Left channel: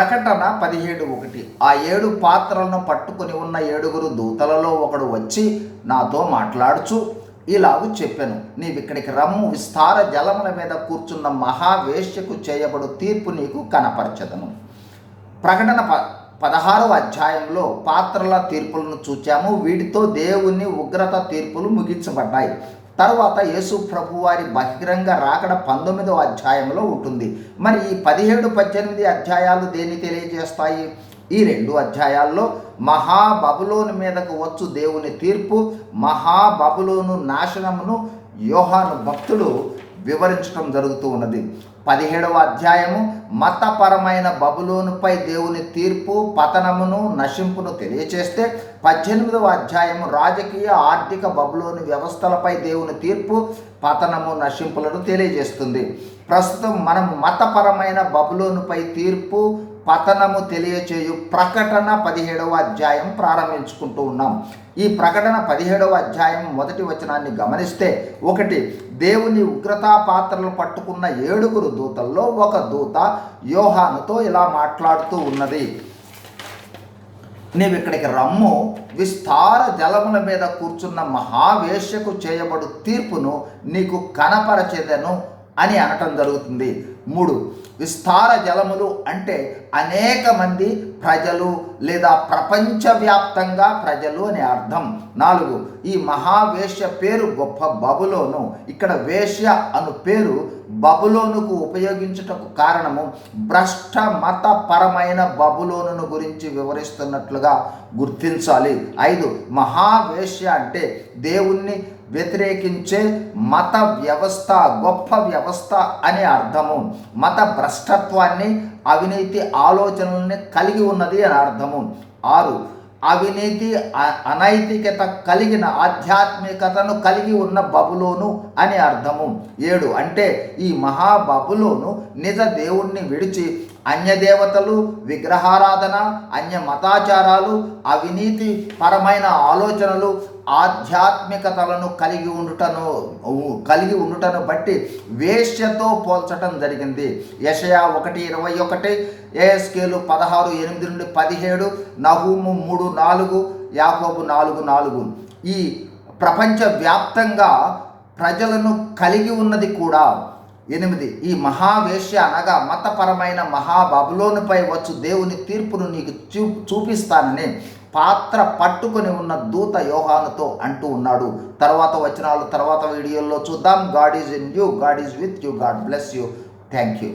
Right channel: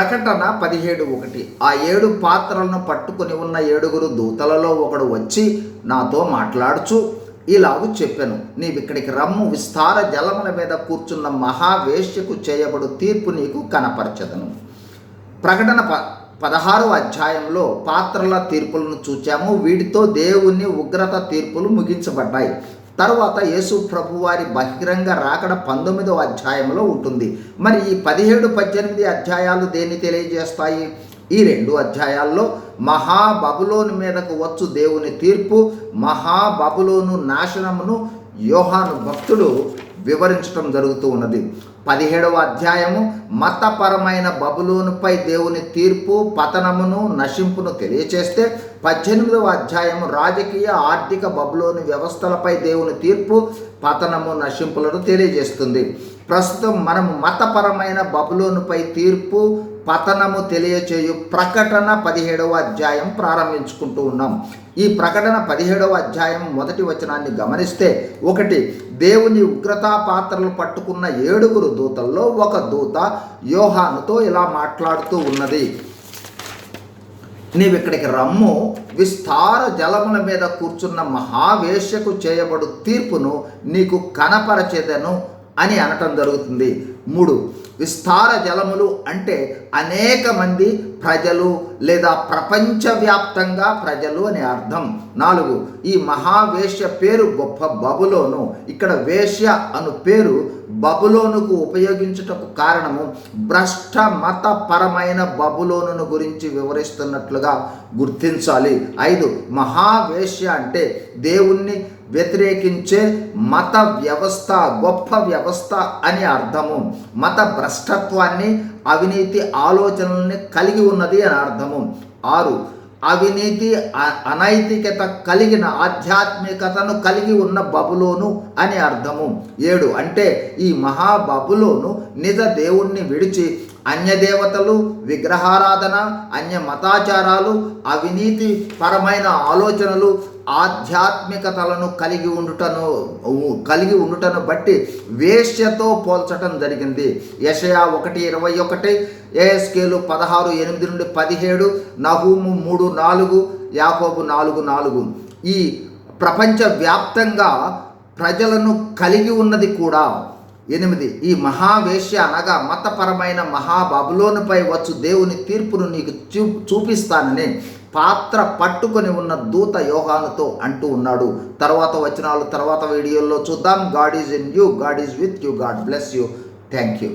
ప్రకటన 17:1 ఆ 7 పాత్రలను పట్టుకుని ఉన్న 7 దూతలలో ఒకడు వచ్చి నాతో మాట్లాడుచు ఇలాగు చెప్పెను, నీవిక్కడికి రమ్ము, విస్తార జలముల మీద కూర్చున్న మహావేశ్యకు చేయబడు తీర్పు నీకు కనపరచదను. ప్రకటన 16వ అధ్యాయంలో పాత్రల తీర్పులను చూచాము. వీటితో దేవుని ఉగ్రత తీర్పులు ముగించబడ్డాయి. తర్వాత యేసు ప్రభు వారి బహిరంగ రాకడ 19వ అధ్యాయంలో ఉంటుంది. మరి ఈ 17, 18 అధ్యాయాలు దేన్ని తెలియజేస్తాయి? ఈ 2 అధ్యాయాల్లో మహాబబులోను మీదకు వచ్చు దేవుని తీర్పు, మహాబబులోను నాశనమును యోహాను భక్తుడు వివరించడం జరుగుతూ ఉన్నది. 17వ అధ్యాయము మతపరమైన బబులోనుపై దేవుని తీర్పు, పతనమును, నశింపును తెలియచేస్తే 18వ అధ్యాయము రాజకీయ ఆర్థిక బబులోను వ్యవస్థలపై దేవుని తీర్పు, పతనము, నశింపులను తెలియజేస్తుంది. ప్రస్తుతం మనం మతపరమైన బబులోనుపై తీర్పు, పతనము తెలియచేయు ప్రకటన 17వ అధ్యాయం ప్రారంభించుకుంటూ ఉన్నాం. ఈ ప్రకటన 17వ అధ్యాయం 1వ వచనాన్ని గమనిస్తే, 1 దేవుని ఉగ్రతా పాత్రలు పట్టుకున్న 7 దూతల్లో ఒక దూత యోహానుతో ఇలా మాట్లాడుతూ ఉన్నది, నీవిక్కడికి రమ్ము, విస్తార జలముల మీద కూర్చున్న మహావేశ్యకు చేయబడు తీర్పును నీకు కనపరచెదను అని అనటం జరుగుతుంది. 3 విస్తార జలములు అంటే అనేక మంది ప్రజలు లేదా ప్రపంచవ్యాప్తంగా ప్రజలు అని అర్థం. 4 ఈ మహావేశ్య పేరు గొప్ప బబులోను. ఇక్కడ వేశ్య అను పేరు బబులోనుకు ఉపయోగించుటకు కారణము భ్రష్ట మతపరమైన బబులోనును గురించి వివరిస్తున్నట్లుగా గుర్తించాలి. 5 మహావేశ్య అంటే దేవుణ్ణి వ్యతిరేకించే మత వ్యవస్థ, గొప్ప వ్యవస్థ అని అర్థము. మత భ్రష్టత్వాన్ని, అవినీతి ఆలోచనల్ని కలిగి ఉన్నది అని అర్థము. 6 అవినీతి, అనైతికత కలిగిన ఆధ్యాత్మికతను కలిగి ఉన్న బబులోను అని అర్థము. 7 అంటే ఈ మహాబబులోను నిజ దేవుణ్ణి విడిచి అన్యదేవతలు, విగ్రహారాధన, అన్య మతాచారాలు, అవినీతి పరమైన ఆలోచనలు, ఆధ్యాత్మికతలను కలిగి ఉండుటను బట్టి వేశ్యతో పోల్చటం జరిగింది. యెషయా 1:21, యెహెజ్కేలు 16:8-17, నహూము 3:4, యాకోబు 4:4 ఈ ప్రపంచవ్యాప్తంగా ప్రజలను కలిగి ఉన్నది కూడా. 8 ఈ మహావేశ్య అనగా మతపరమైన మహాబబులోనుపై వచ్చు దేవుని తీర్పును నీకు చూపిస్తానని పాత్ర పట్టుకొని ఉన్న దూత యోహానుతో అంటూ ఉన్నాడు. తర్వాత వచనాలు తర్వాత వీడియోల్లో చూద్దాం. God is in you, God is with you, God bless you. Thank you.